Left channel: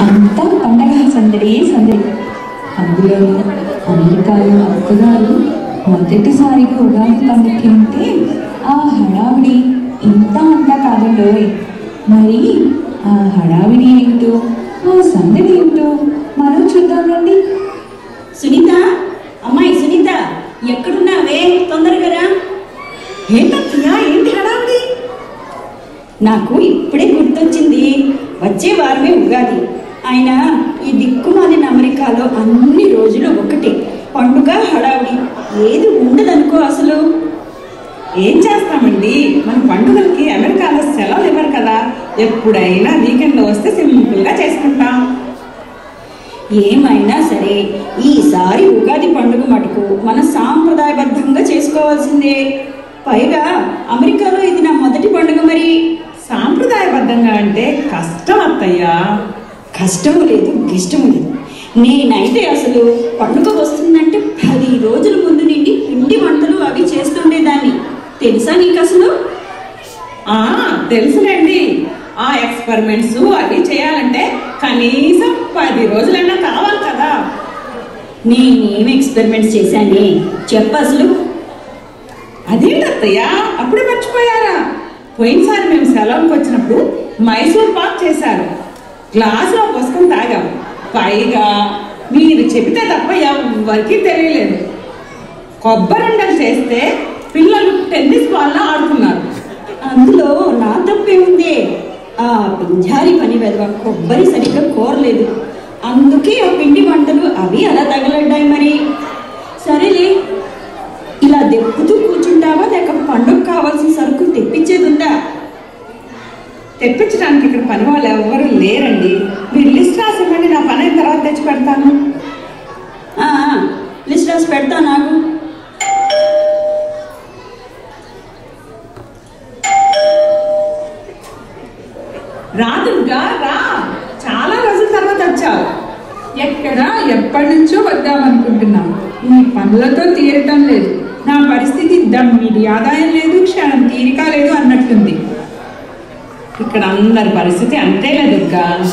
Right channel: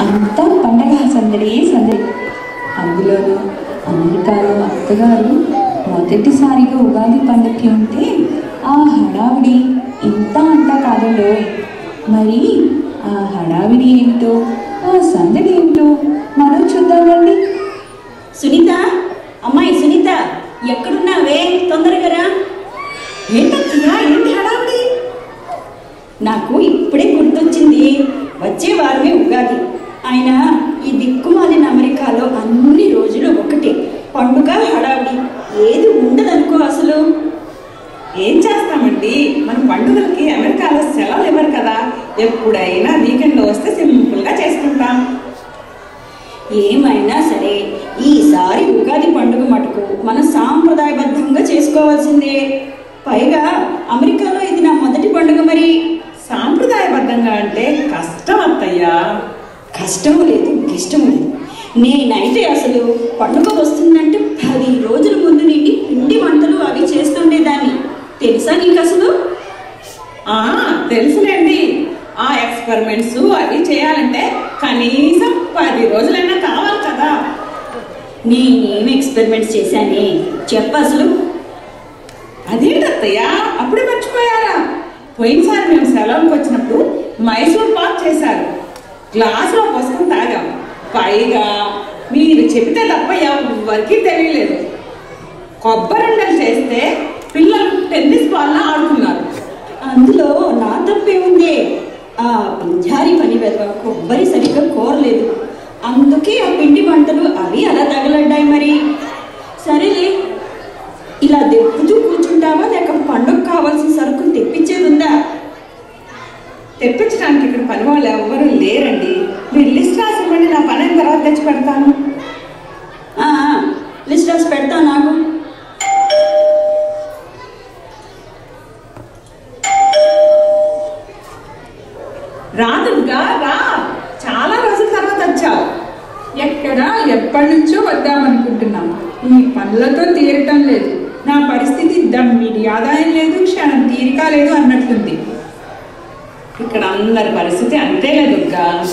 అంతా పండగ సందడి సందడి. అందులోనూ అమెరికాలో అత్తగారు మొదటిసారిగా ఉగాది పండగకి ఉంటే ఆ హడావిడి ఇంత అంతా కాదండోయ్ మరి ఆ హడావిడి ఏంటో ఆ సందడి ఏంటో మనం చూద్దాం రండి. సునీత అమ్మాయి సునీత ఎక్కడున్నావే? తొందరగా రా. ఏంటయ్యా ఏంటి హడావిడి? నాకు ఇప్పుడే గుర్తొచ్చింది. వచ్చే వారమే ఉగాది. ఆయన ఈ దిక్కుమాలిన అమెరికాలో అన్ని రోజులు ఒకటే పండుగ హడావిడి. ఏది ఉండదనుకో అసలు. ఏం చేస్తామండి? మన పండుగలకి అమెరికాలో సెలవులు ఇవ్వరు కదా. ఎప్పుడైనా వీకెండ్లో వస్తే సింపుల్గా చేసుకుంటాం. ఏమైనా సరే ఈసారి ఉగాది పండుగ మటుకు మన సాంప్రదాయబద్ధంగా చేసుకోవాల్సిందే. పైగా అమెరికాలో ఇది నా మొదటి పండుగ మరి. సాంప్రదాయబద్ధంగా అంటే కష్టం అత్తయ్యా. కష్టము లేదు గిష్టము లేదు. నేనైతే అసలు పండుగ వస్తుందంటే పది రోజుల ముందు నుండి పిండి వంటలు అవి చేస్తుండేదాన్ని. తెలుసా నీకు అసలు? ఆ తెలుసులేండి. ఆ ఎక్స్పెరిమెంట్స్ అవి చేయాలంటే కనీసం పది రోజులైనా కావాలి కదా. నేనేం ఎక్స్పెరిమెంట్స్ చేశానే? చెప్ప అసలు. అదేంటి అప్పుడే మర్చిపోయారా? పోయినసారి మేము సెలవుకి వచ్చినప్పుడు మైసూర్ పాక్ చేశారు. గ్లాసులో పోసుకొని తాగాం. పైగా మీరు చెబితే తప్ప ఎవరికీ తెలియలేదు. కొబ్బరిండలు చేస్తే పిల్లలు టెన్నిస్ బాల్లా ఆడుతున్నారు. అందులో నా తప్పే ఉంది. ఆ పింజారి పని వెదవ కొబ్బరి సరిగ్గా కోరలేదు. అందుకే ఆ పిండి వంటలు అవి అలా తగలడ్డాయి మరి. సరేలే ఇలా దెప్పుతూ కూర్చుంటావా లేక పండుగ కావాల్సిన సరుకులు తెప్పించేది ఉందా తెప్పించడానికి ఇక్కడ పని వాళ్ళు ఎవ్వరూ లేరండి. మీరు లిస్ట్ రాసి ఇవ్వండి నా పని అయిన తర్వాత తెచ్చి పెడతాను. లిస్ట్ రాసి పెడతా నాకు. రా దుర్గా రా. చాలా రోజుల తర్వాత వచ్చావు. ఎక్కడ ఎప్పటి నుంచో వద్దామనుకుంటున్నాం. ఈ పనులతో తీరటం లేదు. నా పరిస్థితి దమ్మిడి ఆదాయం లేదు క్షణం తీరిక లేదు అన్నట్లుంది. ఇక్కడ అందరి పరిస్థితి అంతేలే దుర్గా.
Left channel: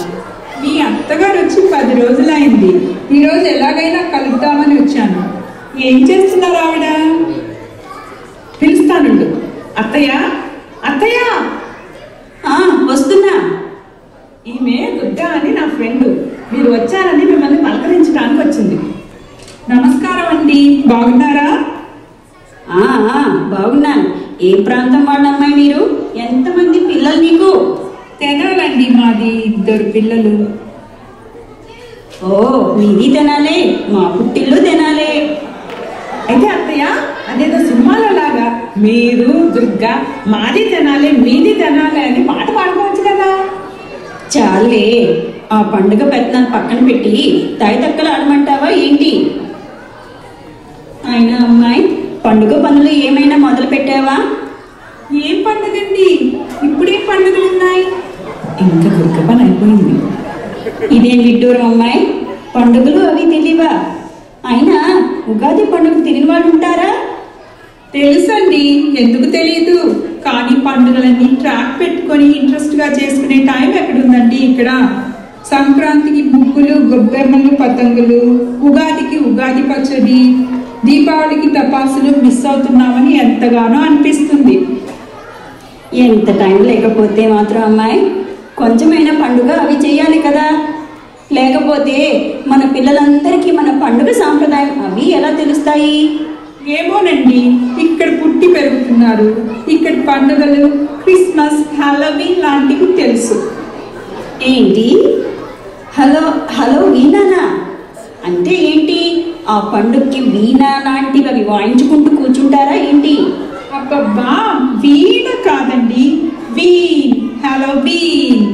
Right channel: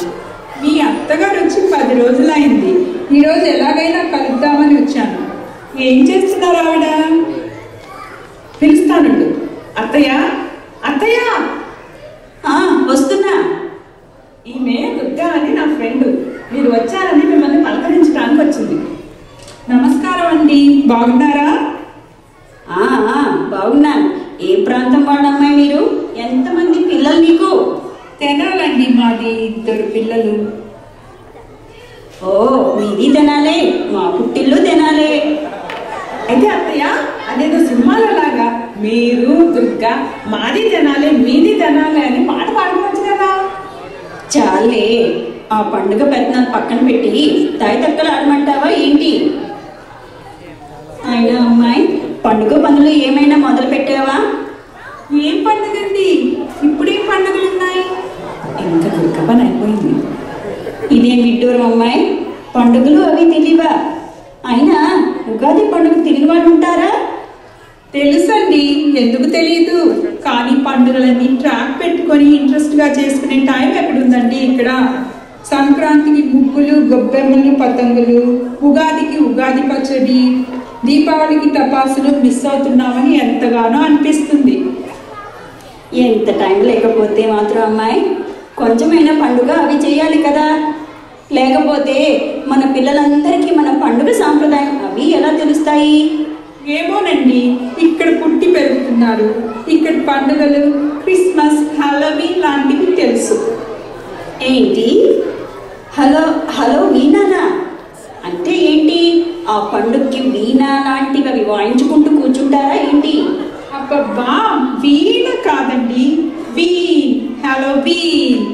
మీ అత్తగారు వచ్చి పది రోజులైంది. ఈరోజు ఎలాగైనా కలుద్దామని వచ్చాను. ఏం చేస్తున్నారు ఆవిడ? పిలుస్తానుండు. అత్తయ్య? అత్తయ్య? వస్తున్నా. ఈమె దుర్గా అని నా ఫ్రెండ్. మీరు వచ్చారని మిమ్మల్ని పలకరించడానికి వచ్చింది. నమస్కారం అండి. బాగున్నారా? బాగున్నాను. ఏ ప్రాంతం వాళ్ళమ్మాయి మీరు? ఎంతమంది పిల్లలు నీకు? తెనాలండి మాది ఇద్దరు పిల్లలు. ఓ మీది తినాలే మా పుట్టిల్లు తినాలే. అయితే అత్తయ్య అదేదో సినిమాలో లాగా మీరు దుర్గా మాది తినాలి మీది తినాలి అని పాట పాడుకోవచ్చు కదా. చాలే ఆ పండుగ పెత్తనాలు పక్కన పెట్టి తక్కలు ఆడమంటావా ఏంటి? అయినా అమ్మాయి పండుగ పనులు ఏమైనా మొదలు పెట్టావా? ఏం పండుగండి? ఇప్పుడేం పండుగలు ఉన్నాయి ఇంకా దుర్గ పని అయిపోయింది. ఇదేం విడ్డూరం అమ్మాయి? పండుగలు అవి తెలియవా అయినా ఉగాది పండుగ తెలియని వాళ్ళు ఉంటారా? తెలుసండి ఎందుకు తెలియదు కానీ పండుగలన్నీ ట్రాక్ పెట్టుకొని ఇంట్రెస్ట్గా చేసుకునే టైం ఎక్కడుందండి ఇక్కడ? సంక్రాంతికి ముగ్గులు గొబ్బెమ్మలు పతంగులు ఉగాదికి ఉగాది పచ్చడి దీపావళికి టపాసులు మిస్ అవుతున్నామని ఎంతగానో అనిపిస్తుంది. ఎంత టైం లేకపోతే మాత్రం అమ్మాయి కొంచెమైనా పండుగ అవి చేయాలి కదా. లేకపోతే మన పిల్లలందరికీ మన పండుగ సాంప్రదాయం అవి ఎలా తెలుస్తాయి? ఏమోనండి ఇక్కడ పుట్టి పెరుగుతున్నారు. ఇక్కడ పండుగలు క్రిస్మస్ హాలోవీన్ లాంటివి తెలుసు. ఏంటి? హలో హలో వీణానా అంటే ఏంటి? ఆ పండుగకి వీణా లాంటివి అవి వాయించుకుంటూ కూర్చుంటారా ఏంటి? అబ్బబ్బా వీణ కాదండి వీన్ హలో వీన్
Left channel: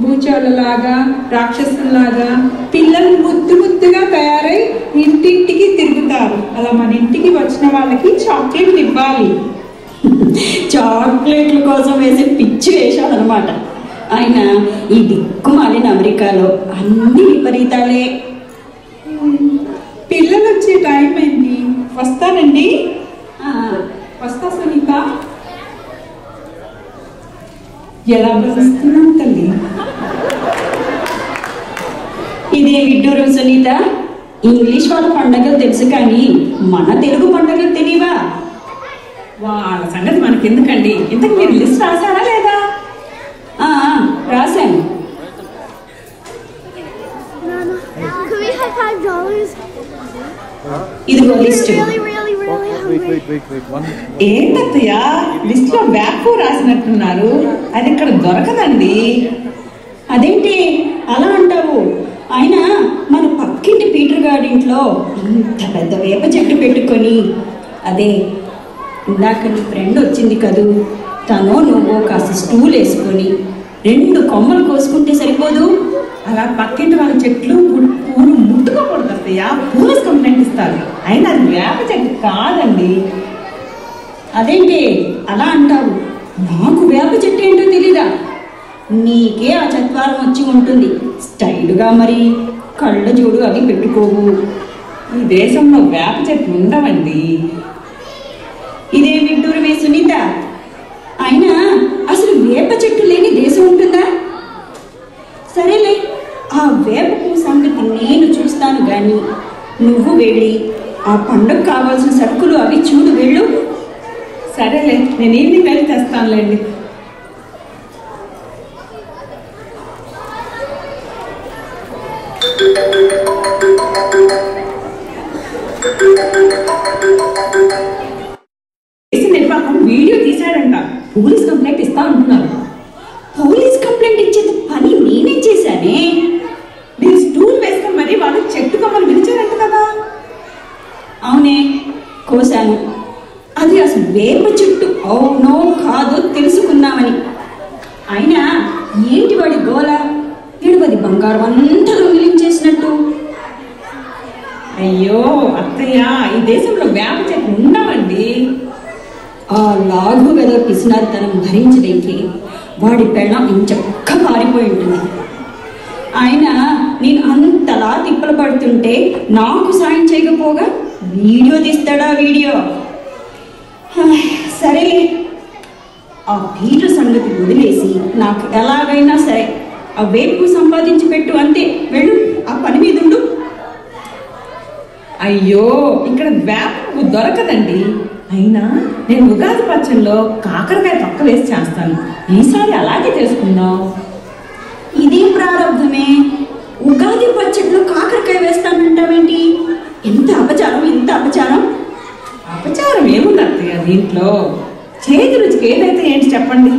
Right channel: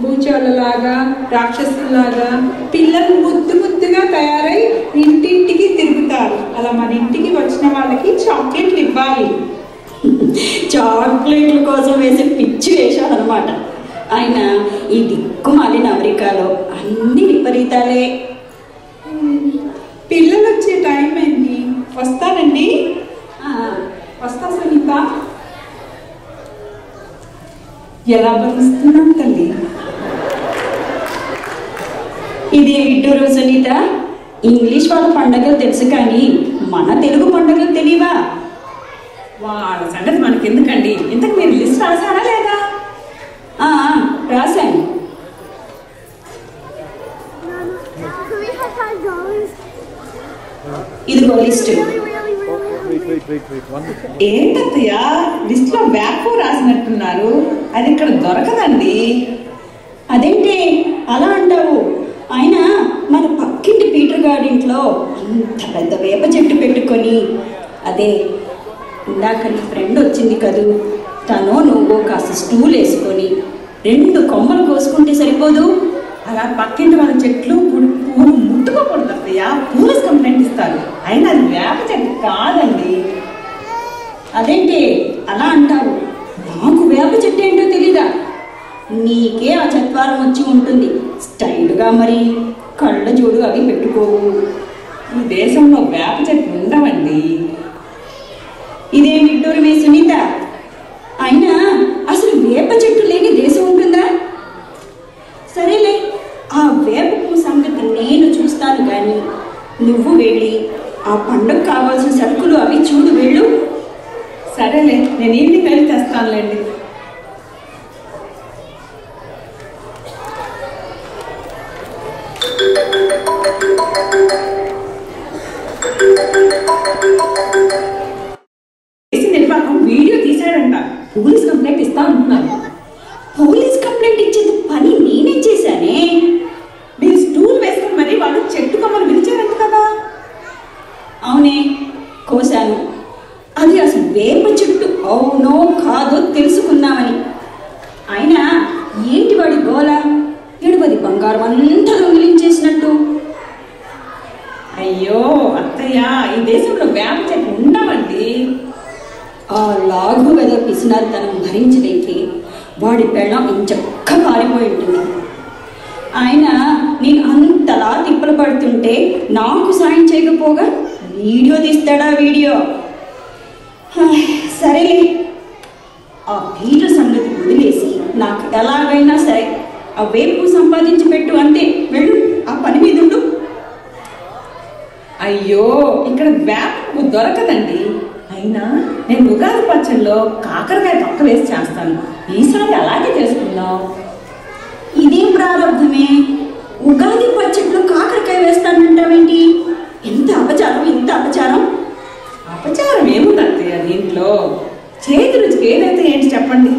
భూచోళ్ళలాగా రాక్షసుల్లాగా పిల్లలు ముద్దు ముద్దుగా తయారై ఇంటింటికి తిరుగుతారు. అలా మన ఇంటికి వచ్చిన వాళ్ళకి చాక్లెట్లు ఇవ్వాలి. చాక్లెట్ల కోసం వేసే పిచ్చి వేషాలన్నమాట. ఆయన ఈ దిక్కుమాలిన అమెరికాలో అన్ని విపరీతాలే. వచ్చే టైం అయింది. వస్తానండి. వస్తా సునీత. ఎలా భరిస్తున్నాం తల్లి? ఇదే విడ్డూరు సునీత. ఇంగ్లీష్ వాళ్ళ పండగలు తెలుసు కానీ మన తెలుగు పండగలు తెలియవా? వాళ్ళ సంగతి మనకెందుకండి? ఇంతకు మీరు లిస్ట్ రాశారా లేదా? రాశాను. ఇదిగో లిస్టు. ఏంటత్తయ్య? లిస్ట్లో బ్యాక్ రాసినట్టున్నారు. అది ఇక్కడ దొరకదండి. అదేంటి? అలా అంటావు? ఆయన మన పక్కింటి పీటర్ గారింట్లో అంత పెద్ద వేప చెట్టు పెట్టుకొని అదే ఇందాక నీ ఫ్రెండ్ వచ్చింది కదూ తను నువ్వు కాస్త స్టూల్ వేసుకొని రెండు కొమ్మలు కోసుకుంటే సరిపోదు. అలా పక్కింటి వాళ్ళ చెట్లు చదువుకోకూడదు అత్తయ్య పోలీస్ కంప్లైంట్ ఇస్తారు. అయినా అది వేప చెట్టు కాదండి. అదేంటి? అలా అంటావు నాకు వేప చెట్టు ఏంటో తెలీదా? నీకే ఆ చత్వారం వచ్చి ఉంటుంది. స్టైల్గా మరి. కళ్ళ జోడు అవి పెట్టుకోవు. ఈ దేశంలో వేప చెట్లు ఉండవండి. ఇదే విడ్డూరమే సునీత? అయినా అసలు వేప చెట్టు లేని దేశం ఉంటుందా? సరేలే ఆ వేప సంగతి నేను చూస్తాను కానీ నువ్వు వెళ్ళి ఆ పండుగ కావాల్సిన సరుకులు అవి చూడు వెళ్ళు. సరేలే నేను ఈవినింగ్ వెళ్ళి తెస్తానులేండి కేసు నిర్వాహకం వీడియో తీశాడంట. పోలీస్ కంప్లైంట్ ఇస్తా అంటున్నారు పోలీస్ కంప్లైంట్ ఇచ్చేది పని నేనే చేశానే మీరు స్టూల్ వేసుకొని మరి వాళ్ళు చెట్టు కొమ్మలు విరిచారంట కదా అవునే కోశాను అది అసలు వేప చెట్టు అవునో కాదో తెలుసుకుందామని అయినా ఏంటి వాడి గోల ఎడుపది బంగారం అంతా దొంగిలించేసినట్టు. అయ్యో అత్తయ్య ఈ దేశంలో వేప చెట్లు ఉండవండి. ఆ లాఘు వెద పిసినారితనం భరించడానికి వాడి పెళ్ళం ఇంచక్క పారిపోయి ఉంటుంది. ఆయన నేను అంతలా తిప్పలు పడుతుంటే నాకు సాయం చేయకపోగా వీడియో తీస్తాడా వీడియో? సరేలే. ఆ పీటర్ సంగతి వదిలేసి నాకు ఎలాగైనా సరే ఆ వేపు సంపాదించి పెట్టు అంతే. వెళ్ళు. ఆ పని మీద ఉండు. అయ్యో ఇక్కడ వేప దొరకదండి. అయినా నేను ఉగాది పచ్చళ్ళలో కాకరకాయ తొక్క వేసి చేస్తాను. ఈసారి అలాగే చేసుకుందాం. ఇదేం ప్రారంభమే. ఉగాది పచ్చట్లో కాకరకాయ వేస్తానంటావేంటి? ఎంత అపచారం ఎంత అపచారం? అపచారం ఏముంది అత్తయ్య దీంట్లో? చేతి రుచికి ఏదైతే ఏంటి చెప్పండి?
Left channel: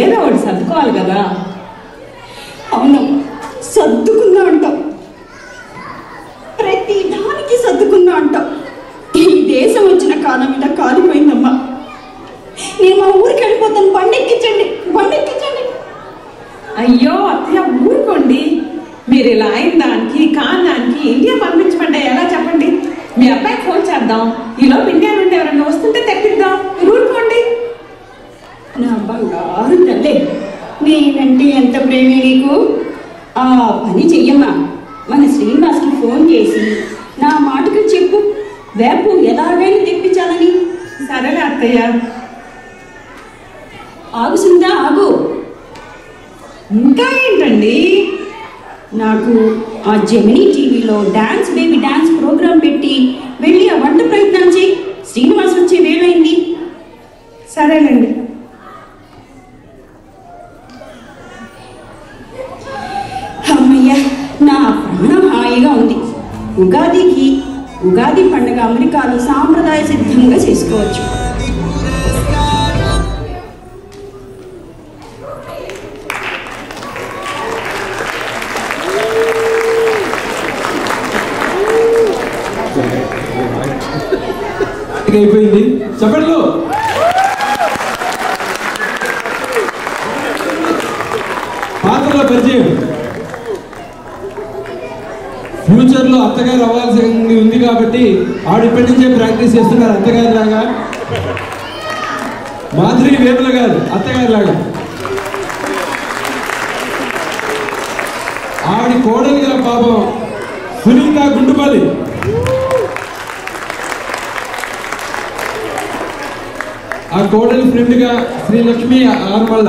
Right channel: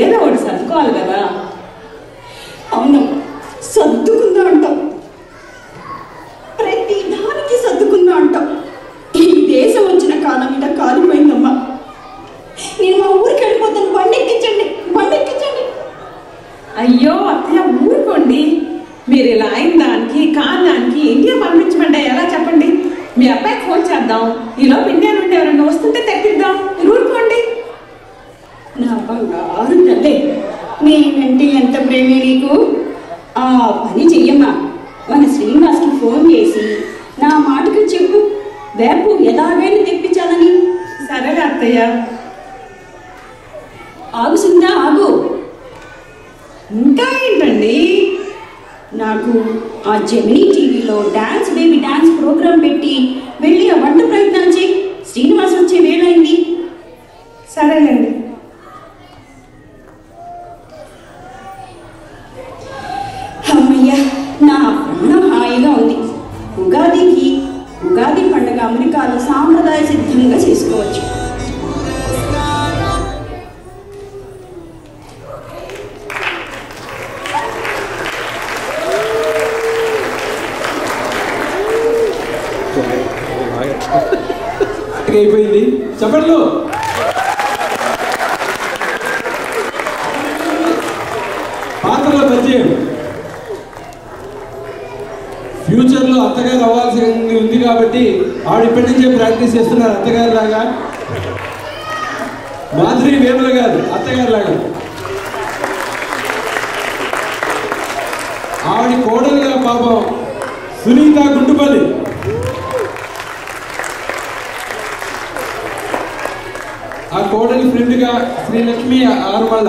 ఏదో ఒకటి సర్దుకోవాలి కదా. అవునమ్మా సర్దుకుందా అంటాం ప్రతి దానికి సర్దుకుందా అంటాం ఈ దేశం వచ్చిన కాలం మీద కాలిపోయిందమ్మా. నేను మా ఊరికి వెళ్ళిపోతాను. బండి ఎక్కించండి బండి ఎక్కించండి అయ్యో అత్తయ్య ఊరుకోండి. మీరు ఇలా అయిన దానికి కాని దానికి ఇండియా పంపించమంటే ఎలా చెప్పండి? మీ అబ్బాయికి ఫోన్ చేద్దాం. ఈలోపు ఇండియా నుండి ఎవరైనా వస్తుంటే తెప్పిద్దాం. మీరు ఊరుకోండి. నా బంగారు తల్లే నేనంటే ఎంత ప్రేమే నీకు? ఆ పని చెయ్యమ్మా. మన శ్రీనివాస్కి ఫోన్ చేసి నా మాటకు చెప్పు. వేపు ఎలాగైనా తెప్పించాలని. సరేలే అత్తయ్య. ఆగు సుందా ఆగు. ఇంకా ఏంటండి? నాకు ఆ జెమినీ టీవీలో డాన్స్ బేబీ డాన్స్ ప్రోగ్రాం పెట్టి వెళ్ళి ఆ వంట ప్రయత్నం పండుగ సాంప్రదాయ సిద్ధంగా చేసుకోవచ్చు. అయిపోయింది. చెప్పండి పాత్రల పరిచయం. ఫ్యూచర్లో అత్తగారు అవ్వాల్సి ఉంది కాబట్టి ఆవిడ ఇప్పటి నుంచే ప్రాక్టీస్ చేస్తున్నారు అత్తగారి లాగా. మాధురి వేముల గారు అత్తగారి లాగా. ఆవిడ కోడలుగా పాపం సునీత గుంటుపల్లి ఆ కోడలి ఫ్రెండ్గా శ్రీలక్ష్మి ఆరుమల్ల.